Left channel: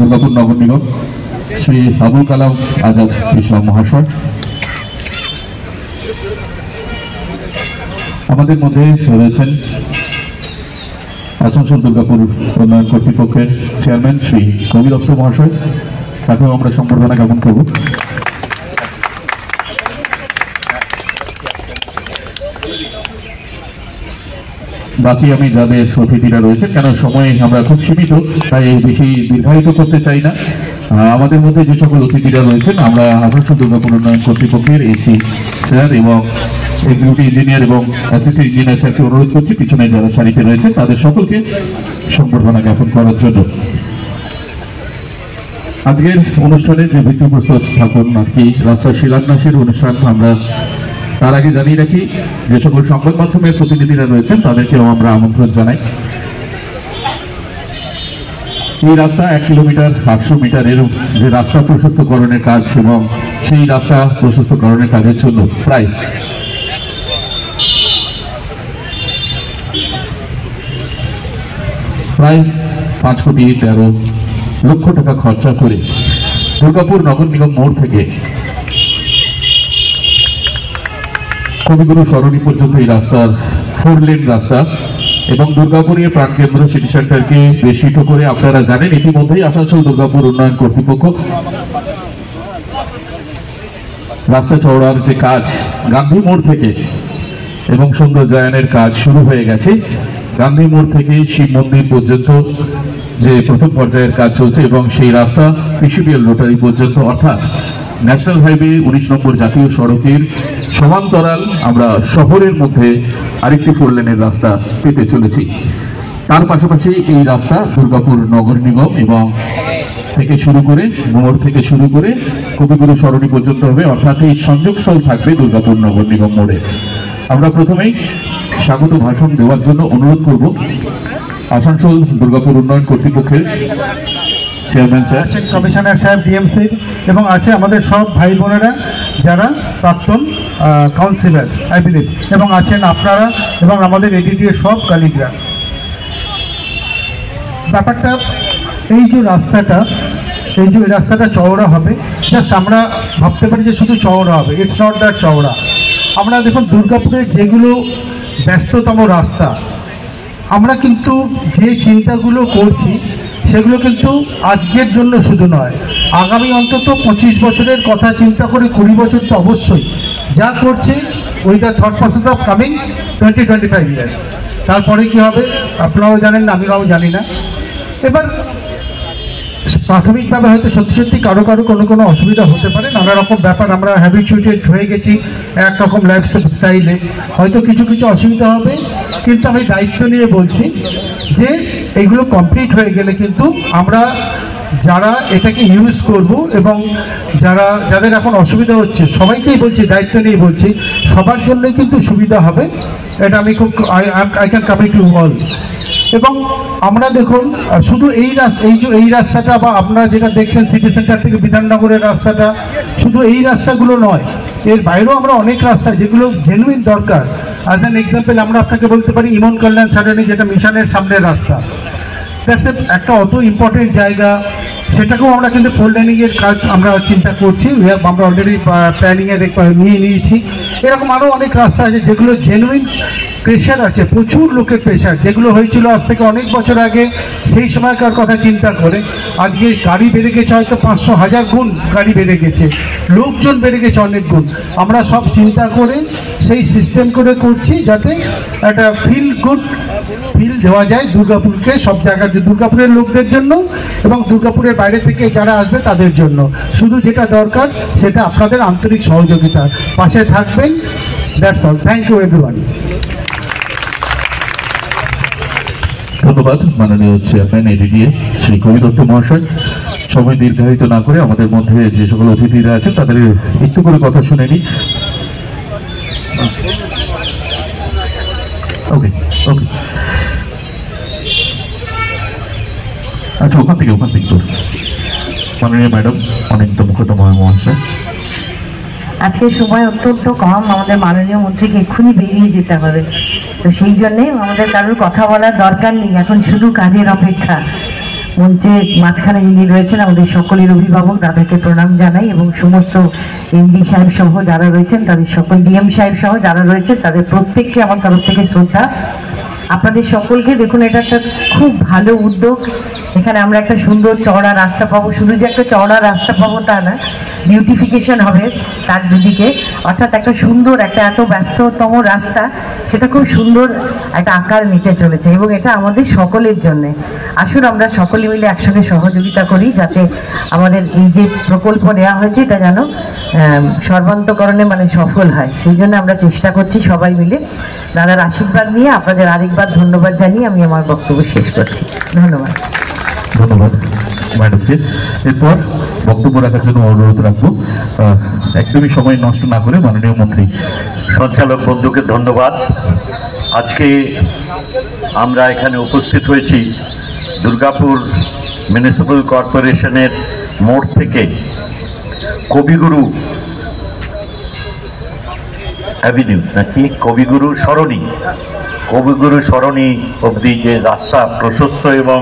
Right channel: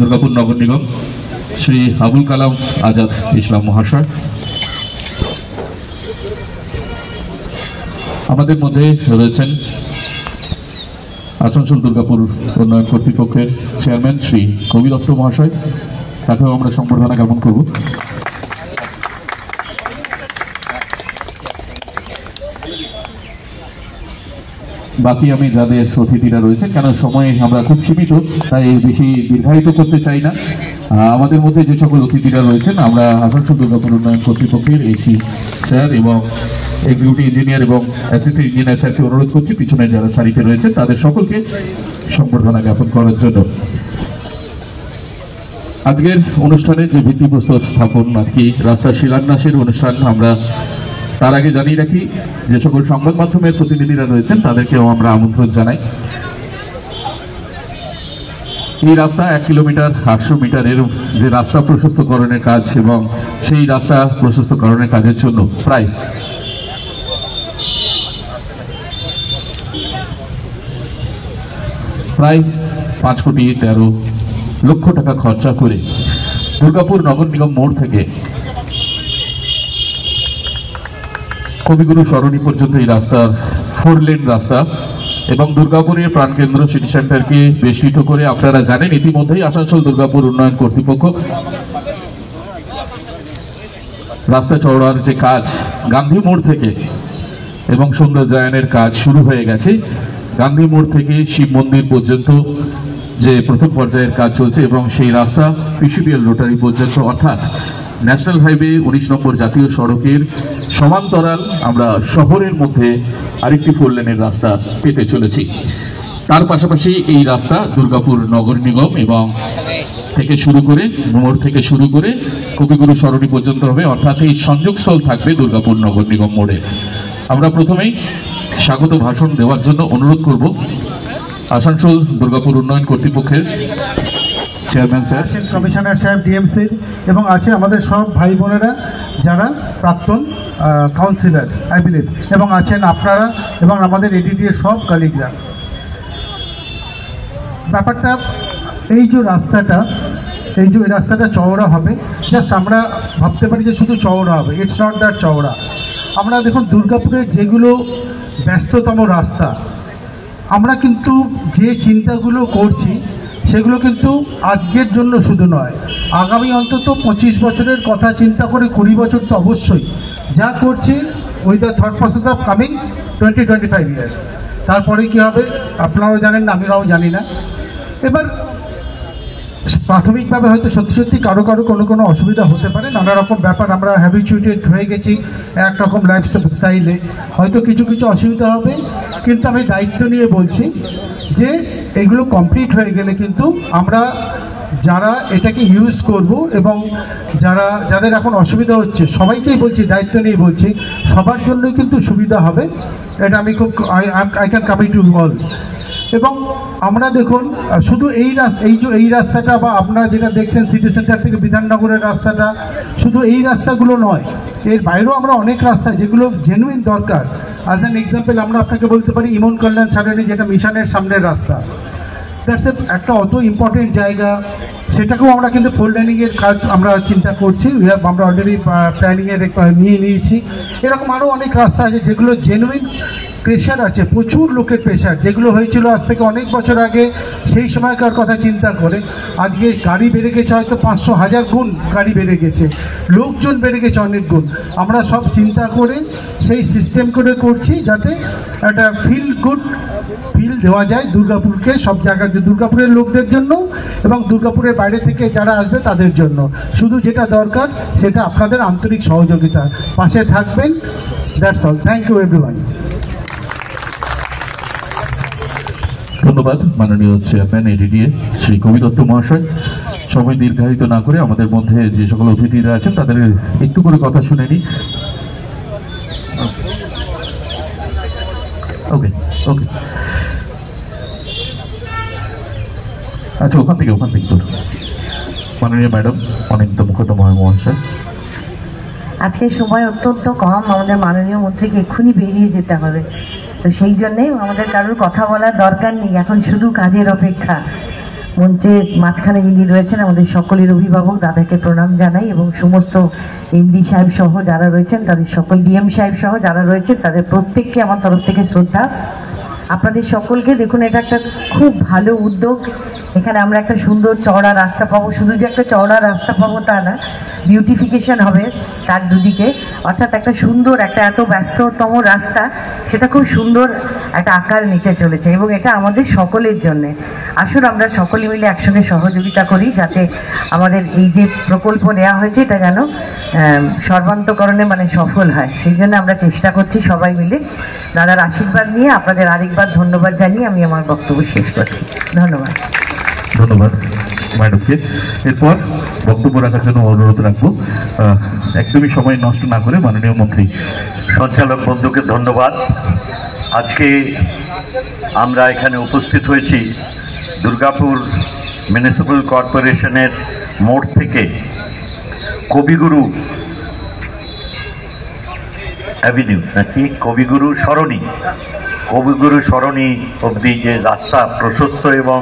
দুর্গাপুর নগর নিগম শ্রী আবুল কালাম আজাদ ইসলাম মহাশয়। আমাদের মধ্যে রয়েছেন আসানসোল দুর্গাপুর উন্নয়ন কর্তৃপক্ষের চেয়ারম্যান শ্রী কবি দত্ত মহাশয়, তাকেও আমরা সম্বর্ধনা জ্ঞাপন করব। বাকি আমি যাদের অতিথিরা রয়েছে, কেন সময়ে আমরা খুব সীমিত, তাই বেশি দীর্ঘায়িত করতে চাই না। আমাদের মধ্যে যে সকল অতিথিরা রয়েছেন, আমরা আসানসোল দুর্গাপুর উন্নয়ন কর্তৃপক্ষের এসি স্যার এবং এক্সিকিউটিভ ইঞ্জিনিয়ার এবং অ্যাসিস্ট্যান্ট ইঞ্জিনিয়ার স্যারকে অনুরোধ করছি পিছনে যারা সারিতে রয়েছে তাদের সকলকে সম্বর্ধনা জ্ঞাপন করার জন্য। আজকের অনুষ্ঠানের যে ভিত্তিপ্রস্তর স্থাপন আর কি রাস্তা শিলান্যাসের অনুষ্ঠান, আমরা তার আগে জানিয়ে রাখি যে সকল সংবাদ মাধ্যমের প্রতিনিধিরা রয়েছেন তাদেরকেও আমরা আমন্ত্রণ জানাই। এই রাস্তা 1 কিলোমিটার 800 মিটারের যে রাস্তা প্রশস্তকরণের কাজ এবং সেই রাস্তা প্রশস্তকরণের কাজের জন্য প্রায় 5,13,00,000 টাকা খরচা করে দুর্গাপুর নগর নিগম মোড় থেকে কবিগুরু সরণি পর্যন্ত এই রাস্তার 4 লেন রাস্তা এবং দুর্গাপুরের প্রাণকেন্দ্র সিটি সেন্টারকে বেষ্টিত করে আপনারা জানেন ইতিমধ্যেই আসানসোল দুর্গাপুর উন্নয়ন কর্তৃপক্ষ রাস্তা চওড়ার যে কাজ গান্ধী মোড় থেকে এবং সৌন্দর্যায়নের কাজ শুরু হয়ে গেছে। গান্ধী মোড় থেকে শিব মন্দির পর্যন্ত যে প্রথম পর্যায়ের কাজ চলছে এবং সেই রাস্তা পিসিবিএল রোটারি পর্যন্ত, অর্থাৎ ন্যাশনাল হাইওয়ে 19 নম্বর জাতীয় সড়কের সমান্তরাল আমরা শহরের মধ্যে আরেকটি 4 লেনের রাস্তা পেতে চলেছি। তার পাশাপাশি এই রাস্তা দুর্গাপুর নগর নিগম এবং থেকে শুরু করে মোড় থেকে শুরু করে কবিগুরু সরণি পর্যন্ত হবে, অর্থাৎ এই সংযোগস্থল থাকবে দুর্গাপুর নগর নিগম মোড়ে। আমরা প্রথমেই স্বাগত ভাষণ দেওয়ার জন্য অনুরোধ করব আসানসোল দুর্গাপুর উন্নয়ন কর্তৃপক্ষের চেয়ারম্যান স্যার, কমিশনার সাহেব ডিএমসি এবং আছে আমাদের সব ভাই বোনেরা যারা প্রাক্তন কাউন্সিলর আই বিলিভ, এবং আছেন আপনারা এবং আমাদের এডিডিএ সব কলিগরা। ব্যাপারটা এই যে রাস্তাটা চওড়া হবে, জাস্ট আমরা ভাবতে পারি যে শুধু চওড়া হবে, ইটস নট দ্যাট চওড়া। আমরা দেখুন দুর্গাপুরের যেগুলো ব্যস্ততম রাস্তা, আমরা কিন্তু যে চিন্তাগুলো করছি সেগুলো কিন্তু আজকের জন্য শুধু নয়, আগামী অন্তত 25 বছরের কথা চিন্তা করে 20 বছর তো অবশ্যই যা করছি with the thought process of coming 20-25 years. তারপরে কী হবে আপনারাও জানেন না, আমিও জানি না। এবার প্রাথমিকভাবে হয়তো সত্যি কারো কোনো অসুবিধা হতে পারে, নানা রকম ব্যাপার, আমরা হ্যাবিচুয়েটেড হয়ে গেছি একরকম লাইফ স্টাইলে, হয়তো কিছু অসুবিধা হবে, কিন্তু আমি দায়িত্ব নিয়ে বলছি যে এগুলো কমপ্লিট হয়ে গেলে কিন্তু আমরা যারা এটাকে ইউজ করব এবং যাদের এখন অসুবিধা হচ্ছে সবাইকেই বলছি, দায়িত্ব নিয়ে বলছি, সবার জন্যই কিন্তু সুবিধা হবে। এটা আমি খুব I can commit to all. এবং আমরা দেখুন শুধু এই রাস্তাটা বা আপনারা যেটা দেখছেন সিটি সেন্টার থেকে বিধাননগরের রাস্তাটা, শুধু এই রাস্তাগুলো নয়, এর বাইরেও আমরা অনেক রাস্তা যেগুলো জেনুইন দরকার। অ্যাজ অ্যান এক্সাম্পল আমরা আপনাকে বলতে পারি ইমন কল্যাণ সারণী, যেটা মিশনের সামনের রাস্তা, দ্যাটস একটা অত ইম্পর্টেন্ট জায়গা, সেটাকেও আমরা কিন্তু 4 লেনিংয়ের কাজ আমরা চিন্তা করছি, আমরা অলরেডি প্ল্যানিংয়ে নিয়ে নিয়েছি। এরকম আরও অনেক রাস্তা আছে যেগুলো জেনুইন প্রেশার আছে, প্রচুর লোকের প্রেশার, যেগুলো হয়েছিল আজ থেকে অনেক বছর আগে, সেই সময়কার কথা চিন্তা করে আজকে গাড়ি বেড়ে গেছে, হয়তো 500,000 গুণ গাড়ি বেড়ে গেছে, লোকজন বেড়ে গেছে অনেক গুণ। আমরা সব চিন্তা করে সেই সিস্টেম করে করছি যাতে একটা গুড ফিল দেওয়া যায় দুর্গাপুরকে, সব জায়গাতে দুর্গাপুরের লোকদের জন্য এবং দুর্গাপুরের বাইরে থেকে যারা আসবে তাদের জন্য। শুধু যেটা দরকার সেটা আপনাদের আন্তরিক সহযোগিতা, পাশে থাকবেন, that's all. Thank you everyone. ধন্যবাদ মাননীয় চেয়ারম্যান এডিডিএ শ্রী কবি দত্ত মহাশয়। সময় দীর্ঘায়িত না করে আমাদের মধ্যে যে সকল অতিথিরা আছেন তাদের একটু করে কথা শুনে নিই। ওকে ওকে, আচ্ছা ওখান থেকে মাননীয় ম্যাডাম অনিন্দ মুখোপাধ্যায় মহাশয়। আজকের সময় অত্যন্ত কম, আমাদের মাননীয় মন্ত্রীকে এক্ষুনি বেরিয়ে যেতে হবে, তো সেই জন্যে আমাদের কারোর কথা বলার দরকার নেই, এখন শুধু কাজের অপেক্ষা। মঞ্চে মাঝখানে যিনি রয়েছেন আমাদের সকলের অভিভাবক, তাদেরকে প্রণাম জানাই, এবং সমস্ত এমডি সাহেব সহ যারা রয়েছেন তাদের সকল, ডিএম সাহেব সহ যারা রয়েছেন তাদের প্রত্যেককে আমার তরফ থেকে শ্রদ্ধা। আপনাদের সকলকে দেখুন, এটা একটা খুব ভালো উদ্যোগ। এখানে আমরা একটা সুন্দর চওড়া রাস্তা পাবো, শুধু যে একটা চওড়া রাস্তা পাবো তা না, বিউটিফিকেশন হবে তার দিকে, অর্থাৎ একটা সুন্দর, একটা এত ব্যস্ততম রাস্তা সেটা খুব সুন্দর একটা আকার নিতে চলেছে, এবং এটা আমাদের সকলের জন্য। আসুন আমরা সকলে মিলে একসাথে সহযোগিতা করি যাতে আমাদের এই যে প্রকল্প নেওয়া হয়েছে এটা যেন সর্বান্তকরণে মানে সফল হয়, সেই জন্য আমরা চেষ্টা করছি সবাই মিলে। দাদার আশীর্বাদ নিয়ে আপনাদের আরেকবার ধন্যবাদ জানিয়ে আমি আমার বক্তব্য শেষ করছি। ধন্যবাদ। ধন্যবাদ ম্যাডামকে। এরপর বক্তব্য রাখার জন্য অনুরোধ রাখবো, একদমই সময় নষ্ট না করে মাননীয় মন্ত্রী। সঞ্চালক বন্ধুকে ধন্যবাদ। আজকে আমরা এখানে উপস্থিত হয়েছি দুর্গাপুর মিউনিসিপ্যাল কর্পোরেশনের মোড় থেকে কবিগুরু অ্যাভিনিউ নাকি কবিগুরু সরণি অবধি যে রাস্তা প্রশস্ত এবং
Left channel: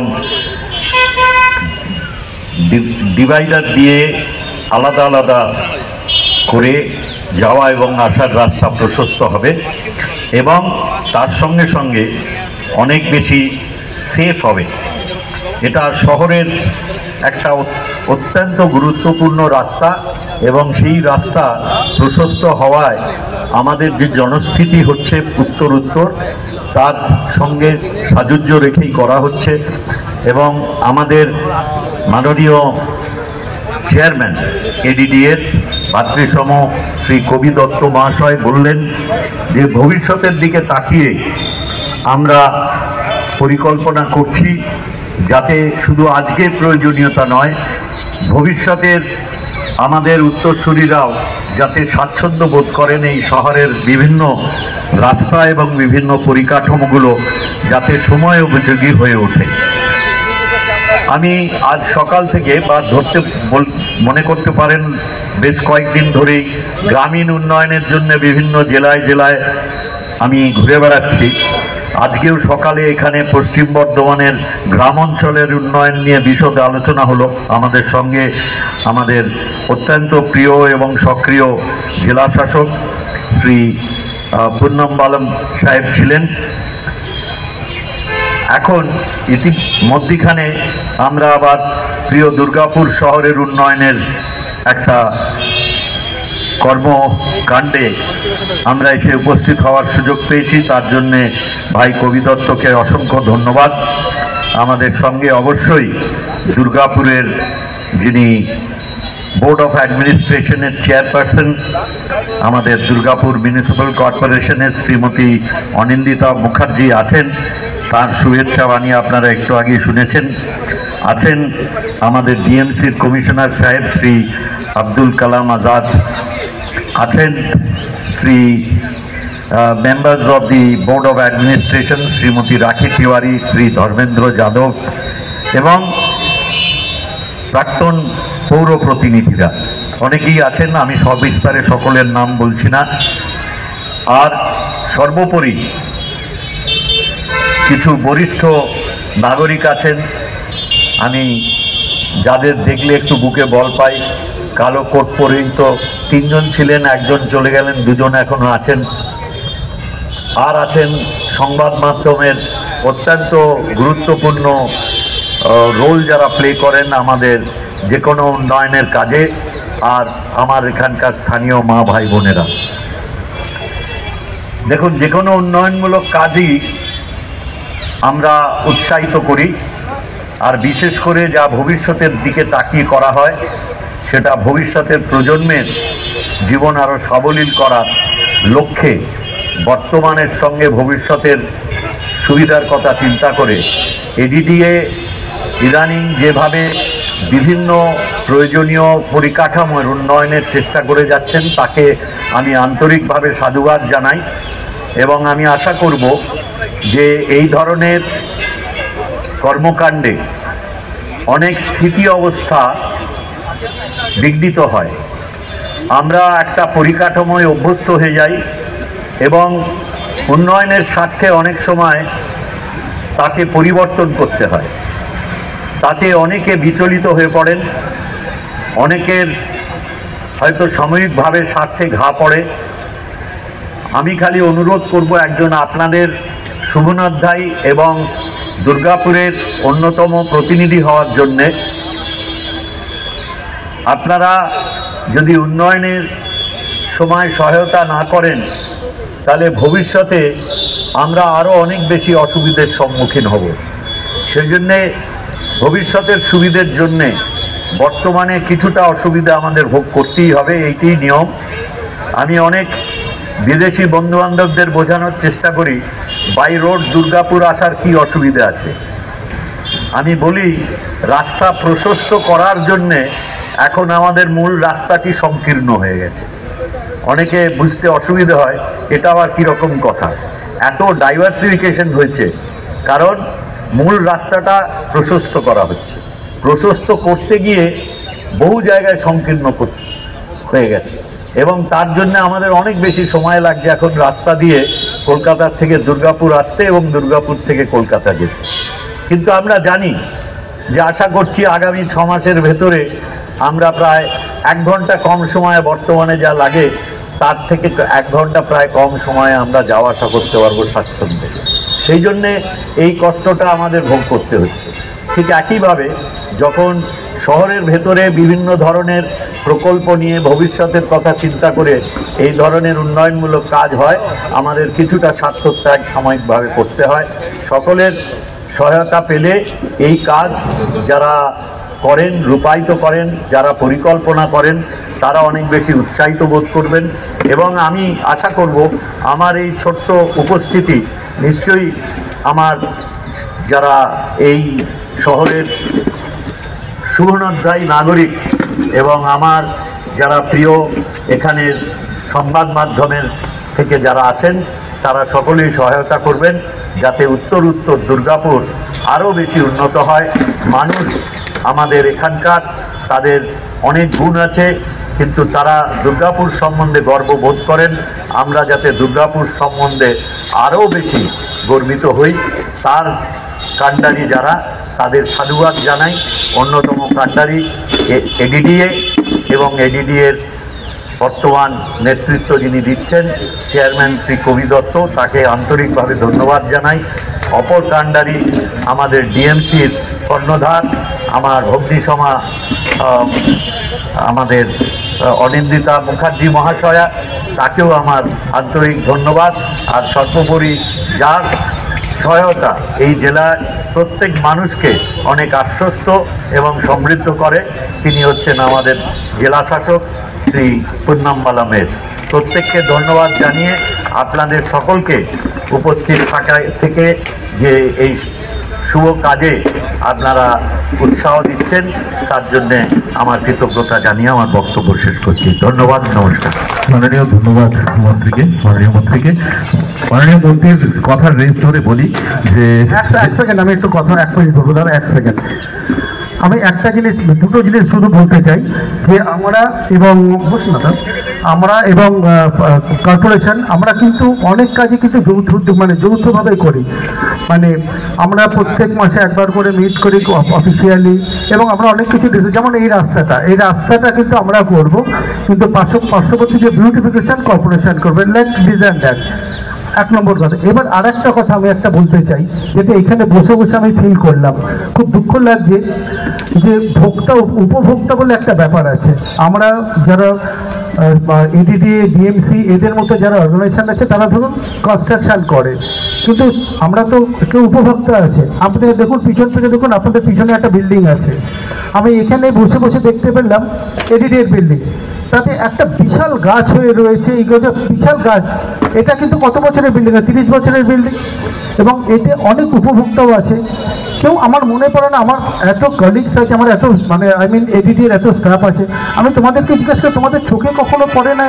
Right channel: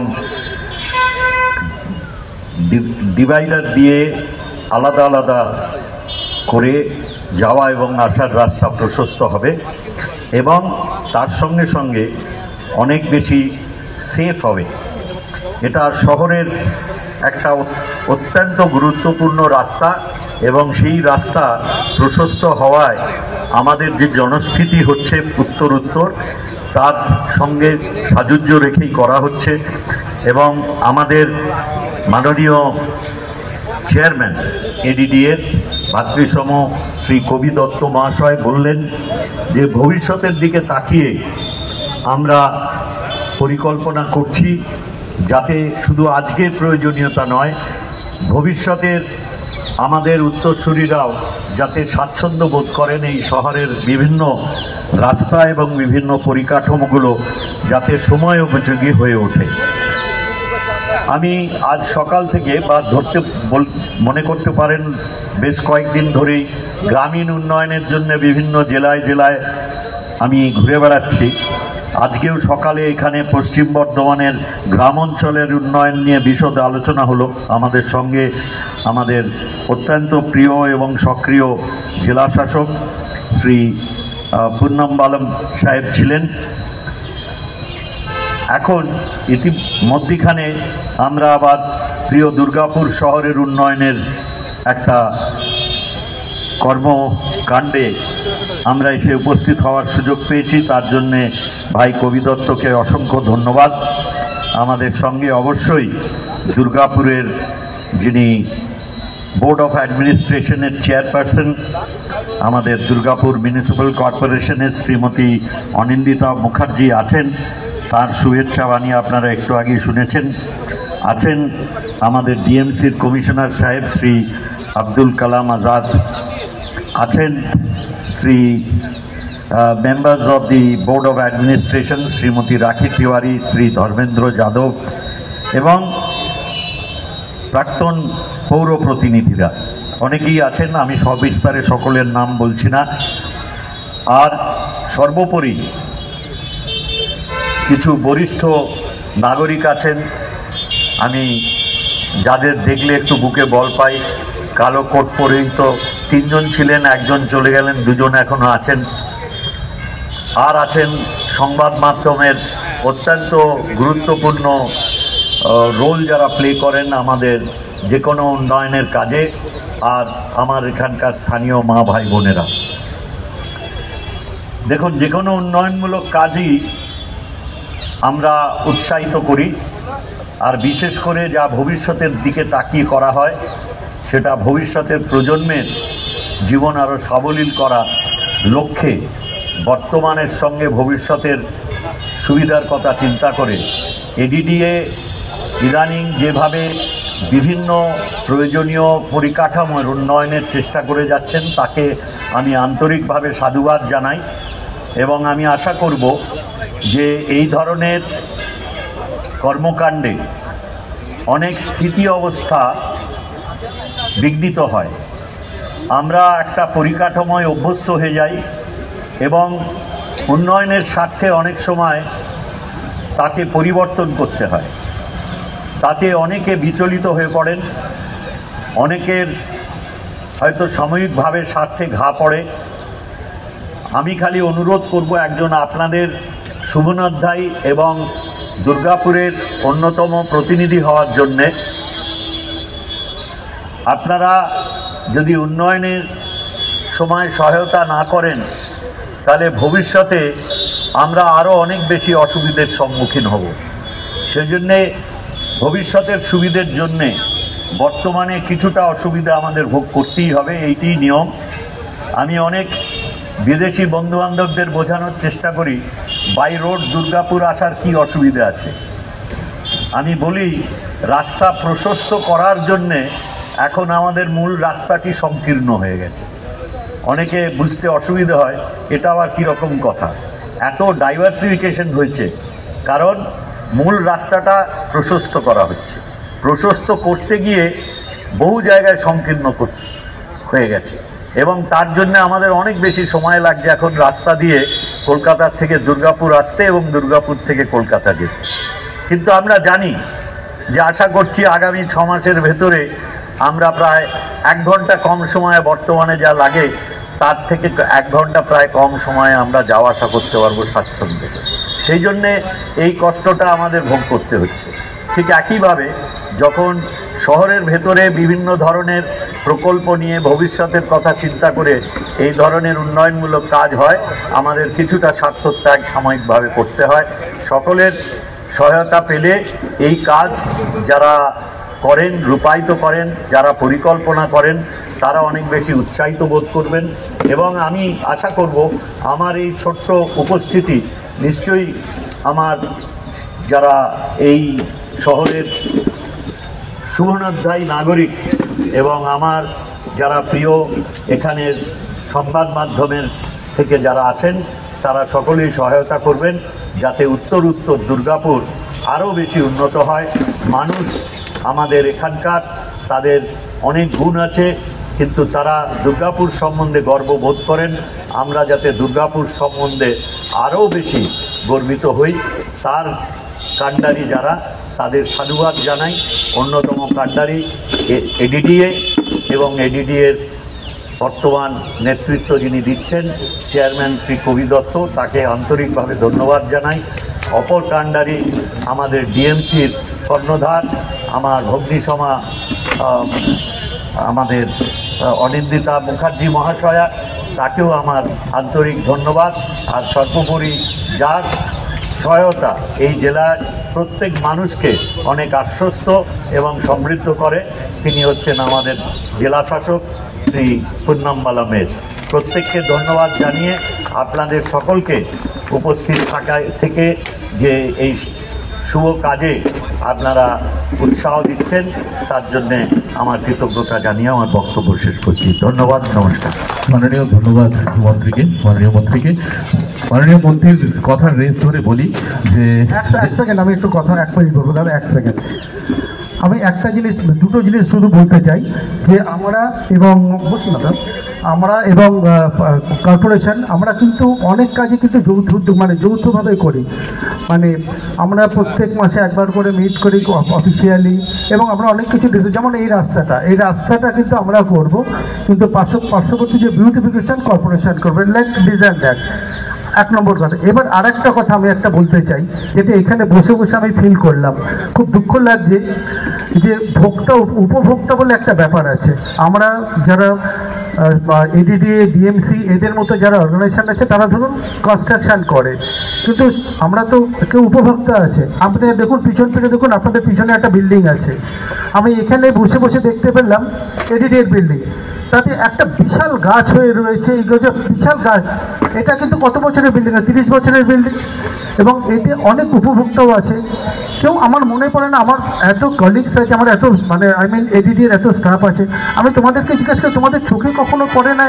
ডিভাইডার দিয়ে আলাদা আলাদা করে যাওয়া এবং আসার রাস্তা প্রশস্ত হবে, এবং তার সঙ্গে সঙ্গে অনেক বেশি সেফ হবে। এটা শহরের একটা অত্যন্ত গুরুত্বপূর্ণ রাস্তা, এবং সেই রাস্তা প্রশস্ত হওয়ায় আমাদের যে জনস্থিতি হচ্ছে উত্তর তার সঙ্গে সাযুজ্য রেখেই করা হচ্ছে। এবং আমাদের মাননীয় চেয়ারম্যান এডিডিএর ভাতৃসম শ্রী কবি দত্ত মহাশয় বললেন যে ভবিষ্যতের দিকে তাকিয়ে আমরা পরিকল্পনা করছি যাতে শুধু আজকের প্রয়োজনীয়তা নয়, ভবিষ্যতের আমাদের উত্তরসূরিরাও যাতে স্বাচ্ছন্দ্য বোধ করেন এই শহরের বিভিন্ন রাস্তা এবং বিভিন্ন পরিকাঠামোগুলো যাতে সময় উপযোগী হয়ে ওঠে। আমি আজ সকাল থেকে বা মনে করতে পারেন বেশ কয়েকদিন ধরেই গ্রামীণ উন্নয়নের জন্য বিভিন্ন জেলায় জেলায় আমি ঘুরে বেড়াচ্ছি। আজকেও সকালে এখানে পশ্চিম বর্ধমানের গ্রাম অঞ্চলের উন্নয়ন নিয়ে বিশদ আলোচনা হলো। আমাদের সঙ্গে আমাদের অত্যন্ত প্রিয় এবং সক্রিয় জেলা শাসক শ্রী পূর্ণম্বালম সাহেব ছিলেন। এখন ইতিমধ্যেখানে আমরা আবার প্রিয় দুর্গাপুর শহরের উন্নয়নের একটা কর্মকাণ্ডে আমরা এসে উপস্থিত হওয়ার সুযোগ পেয়েছি, তার জন্যে ভাই কবি দত্তকে অসংখ্য ধন্যবাদ। আমাদের সঙ্গে অবশ্যই দুর্গাপুরের যিনি বোর্ড অফ অ্যাডমিনিস্ট্রেশনের চেয়ারপারসন, আমাদের দুর্গাপুর মিউনিসিপ্যাল কর্পোরেশনের শ্রীমতী অনিন্দিতা মুখার্জি আছেন, তার শুভেচ্ছা বাণী আপনারা একটু আগে শুনেছেন। আছেন আমাদের ডিএমসির কমিশনার সাহেব শ্রী আব্দুল কালাম আজাদ, আছেন Shri members of the board of administration Shrimati রাখি তিওয়ারি, শ্রী ধর্মেন্দ্র যাদব, এবং প্রাক্তন পৌর প্রতিনিধিরা অনেকেই আছেন। আমি সবিস্তারে সকলের নাম বলছি না। আর সর্বোপরি কিছু বরিষ্ঠ নাগরিক আছেন, আমি যাদের দেখলে একটু বুকে বল পাই। কালো কোট পরেই তো তিনজন ছিলেন, একজন চলে গেলেন, দুজন এখনো আছেন। আর আছেন সংবাদ মাধ্যমের অত্যন্ত গুরুত্বপূর্ণ রোল যারা প্লে করেন আমাদের যে কোনো উন্নয়নের কাজে, আর আমার এখানকার স্থানীয় মা ভাই বোনেরা। দেখুন, যে কোনো উন্নয়নমূলক কাজই আমরা উৎসাহিত করি, আর বিশেষ করে যা ভবিষ্যতের দিকে তাকিয়ে করা হয় সেটা ভবিষ্যতের প্রজন্মের জীবন আরও সাবলীল করার লক্ষ্যে বর্তমানের সঙ্গে ভবিষ্যতের সুবিধার কথা চিন্তা করে এডিডিএ ইদানিং যেভাবে বিভিন্ন প্রয়োজনীয় পরিকাঠামোর উন্নয়নের চেষ্টা করে যাচ্ছেন তাকে আমি আন্তরিকভাবে সাধুবাদ জানাই, এবং আমি আশা করব যে এই ধরনের কর্মকাণ্ডে অনেক স্থিতি অবস্থা বিঘ্নিত হয়। আমরা একটা পরিকাঠামোয় অভ্যস্ত হয়ে যাই এবং উন্নয়নের স্বার্থে অনেক সময় তাকে পরিবর্তন করতে হয়। তাতে অনেকে বিচলিত হয়ে পড়েন, অনেকের হয়তো সাময়িকভাবে স্বার্থে ঘা পড়ে। আমি খালি অনুরোধ করব, একজন আপনাদের শুভনাধ্যায়ী এবং দুর্গাপুরের অন্যতম প্রতিনিধি হওয়ার জন্যে আপনারা যদি উন্নয়নের সময় সহায়তা না করেন তাহলে ভবিষ্যতে আমরা আরও অনেক বেশি অসুবিধার সম্মুখীন হব। সেই জন্যে ভবিষ্যতের সুবিধের জন্যে বর্তমানে কিছুটা অসুবিধা আমাদের ভোগ করতেই হবে, এইটাই নিয়ম। আমি অনেক বিদেশি বন্ধুবান্ধবদের বোঝানোর চেষ্টা করি বাই রোড দুর্গাপুর আসার কি অসুবিধা আছে। আমি বলি রাস্তা প্রশস্ত করার জন্যে এখন আমাদের মূল রাস্তাটি সংকীর্ণ হয়ে গেছে। অনেকে বুঝতে অসুবিধা হয়, এটা আবার কীরকম কথা। এত ডাইভার্সিফিকেশন হয়েছে কারণ মূল রাস্তাটা প্রশস্ত করা হচ্ছে। প্রশস্ত করতে গিয়ে বহু জায়গায় সংকীর্ণ হয়ে গেছে এবং তার জন্য আমাদের অনেক বেশি সময় লাগছে এখন রাস্তা দিয়ে কলকাতার থেকে দুর্গাপুর আসতে এবং দুর্গাপুর থেকে কলকাতা যেতে। কিন্তু আমরা জানি যে আশা করছি আগামী 6 মাসের ভেতরে আমরা প্রায় 1 ঘন্টা কম সময়ে, বর্তমানে যা লাগে তার থেকে 1 ঘন্টা প্রায় কম সময়ে আমরা যাওয়া আসা করতে পারবো স্বাচ্ছন্দ্যে। সেই জন্যে এই কষ্টটা আমাদের ভোগ করতে হচ্ছে। ঠিক একইভাবে যখন শহরের ভেতরে বিভিন্ন ধরনের প্রকল্প নিয়ে ভবিষ্যতের কথা চিন্তা করে এই ধরনের উন্নয়নমূলক কাজ হয়, আমাদের কিছুটা স্বার্থত্যাগ সাময়িকভাবে করতে হয়। সকলের সহায়তা পেলে এই কাজ যারা করেন, রূপায়িত করেন, যারা পরিকল্পনা করেন, তারা অনেক বেশি উৎসাহিত বোধ করবেন এবং আমি আশা করব আমার এই ছোট্ট উপস্থিতি নিশ্চয়ই আমার যারা এই শহরের শুভনাধ্যায়ী নাগরিক এবং আমার যারা প্রিয় এখানের সংবাদ মাধ্যমের থেকে যারা আছেন তারা সকলেই সহায়তা করবেন যাতে উত্তর দুর্গাপুর আরও বেশি উন্নত হয়। মানুষ আমাদের এখানকার, তাদের অনেক গুণ আছে কিন্তু তারা দুর্গাপুর সম্বন্ধে গর্ববোধ করেন। আমরা যাতে দুর্গাপুর সম্বন্ধে আরও বেশি গর্বিত হই তার কাণ্ডারি যারা, তাদের সাধুবাদ জানাই। অন্যতম কাণ্ডারি এডিডিএ এবং এডিডিএর বর্তমান নেতৃত্ব যিনি দিচ্ছেন চেয়ারম্যান শ্রী কবি দত্ত, তাকে আন্তরিকভাবে ধন্যবাদ জানাই। অপর কাণ্ডারি আমাদের ডিএমসির কর্ণধার আমার ভগ্নিসমা আমাদের অনিন্দিতা মুখার্জি মহাশয়া, তাকেও আমার আন্তরিক ধন্যবাদ। আর সর্বোপরি যার সহায়তা এই জেলার প্রত্যেক মানুষকে অনেক আশ্বস্ত এবং সমৃদ্ধ করে, তিনি হচ্ছেন আমাদের জেলা শাসক শ্রী পুন্নমবালা মেস। প্রত্যেককে ধন্যবাদ জানিয়ে আপনাদের সকলকে উপস্থিত থাকা থেকে যে এই শুভ কাজে আপনারা উৎসাহ দিচ্ছেন তার জন্যে আমার কৃতজ্ঞতা জানিয়ে আমার বক্তব্য শেষ করছি। ধন্যবাদ, নমস্কার। মাননীয় ধন্যবাদ মন্ত্রীকে, মাননীয় মন্ত্রীকে। মাননীয় মন্ত্রীর কথার রেঞ্জ ধরে বলি যে এক সেকেন্ড, আমি একটু কথা 1 মিনিট বলবো দাদা, 1 সেকেন্ড। আমি একটা জিনিস, দুটো জিনিস শুধু বলতে চাই যে আমরা এবং কর্পোরেশন আমরা কিন্তু অনেক কাজই কিন্তু যৌথভাবে করি। মানে আমরা প্রত্যেক মাসে একবার করে মিট করি অফিসিয়ালি এবং আমরা অনেক কিছু যেমন এই রাস্তাটা কিন্তু আমরা করব, কিন্তু পার্শ্ববর্তী যে বিউটিফিকেশন কর্পোরেশন করবে, লাইক ডিজাইন দ্যাট। 1 নম্বর কথা। এবার আর একটা কথা আমি একটা বলতে চাই, যেটা এখানে বসে বসে আমি ফিল করলাম, খুব দুঃখ লাগছে যে উপভোক্তা বলে একটা ব্যাপার আছে। আমরা যারা এডিডিএ, ডিএমসি এদের মতো যারা অর্গানাইজেশন আছে তারা ধরুন কনস্ট্রাকশন করে, কিন্তু আমরা তো কেউ উপভোক্তা আছে। আপনি দেখুন পিছনে দেখুন, আপনাদের পিছনে একটা বিল্ডিং আছে, আমি এখানে বসে বসে দেখতে পেলাম এডিডিএর বিল্ডিং, তাতে একটা বিশাল গাছ হয়ে রয়েছে। এই গাছ, বিশাল গাছ, এটা কিন্তু কত বছরের বিল্ডিং? 30 বছরের বিল্ডিং। এবং এতে অনেক উপভোক্তাও আছে। কেউ, আমার মনে পড়ে না, আমার এত কলিগস আছে, আমার এত এডিডিএর এত স্টাফ আছে, আমি তোমাদেরকে জিজ্ঞাসা করি তোমাদের চোখে কখনো পড়ে না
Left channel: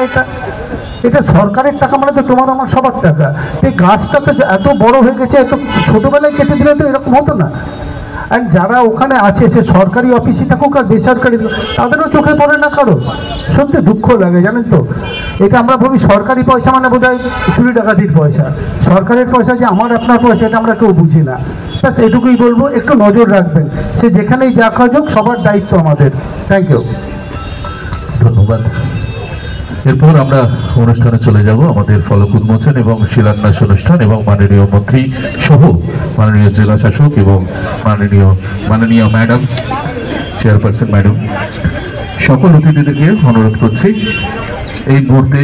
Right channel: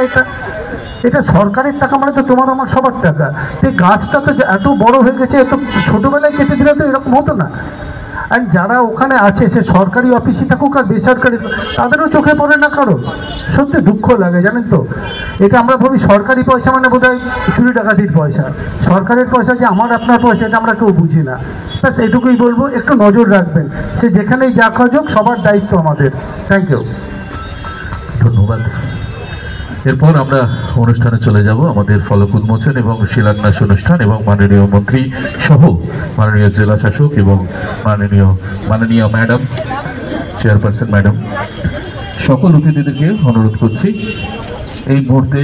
এটা সরকারের টাকা, মানে তো তোমার আমার সবার টাকা। এই গাছটা তো এত বড় হয়ে গেছে, এত ছোটবেলায় কেটে দিলে তো এরকম হতো না। আর যারা ওখানে আছে, সে সরকারি অফিসে থাকুক আর বেসরকারি, তাদেরও চোখে পড়ে না কারো। সত্যি দুঃখ লাগে, জানেন তো। এটা আমরা ভাবি সরকারি পয়সা মানে বোধ হয় চুরি ডাকাতির পয়সা, সরকারের পয়সা যে আমার আপনার পয়সা, এটা আমরা কেউ বুঝি না। ব্যাস এটুকুই বলবো, একটু নজর রাখবেন, সে যেখানেই যা কাজ হোক, সবার দায়িত্ব আমাদের। থ্যাংক ইউ, ধন্যবাদ। এরপর আমরা অনুষ্ঠানে চলে যাব আমাদের ফলক উন্মোচন এবং শিলান্যাস অনুষ্ঠান, এবং মাননীয় মন্ত্রী সহ মাননীয় জেলা শাসক এবং মাননীয় ম্যাডাম চেয়ারপারসন ম্যাডাম সকল অতিথিদেরকে অনুরোধ করছি এই মুহূর্তে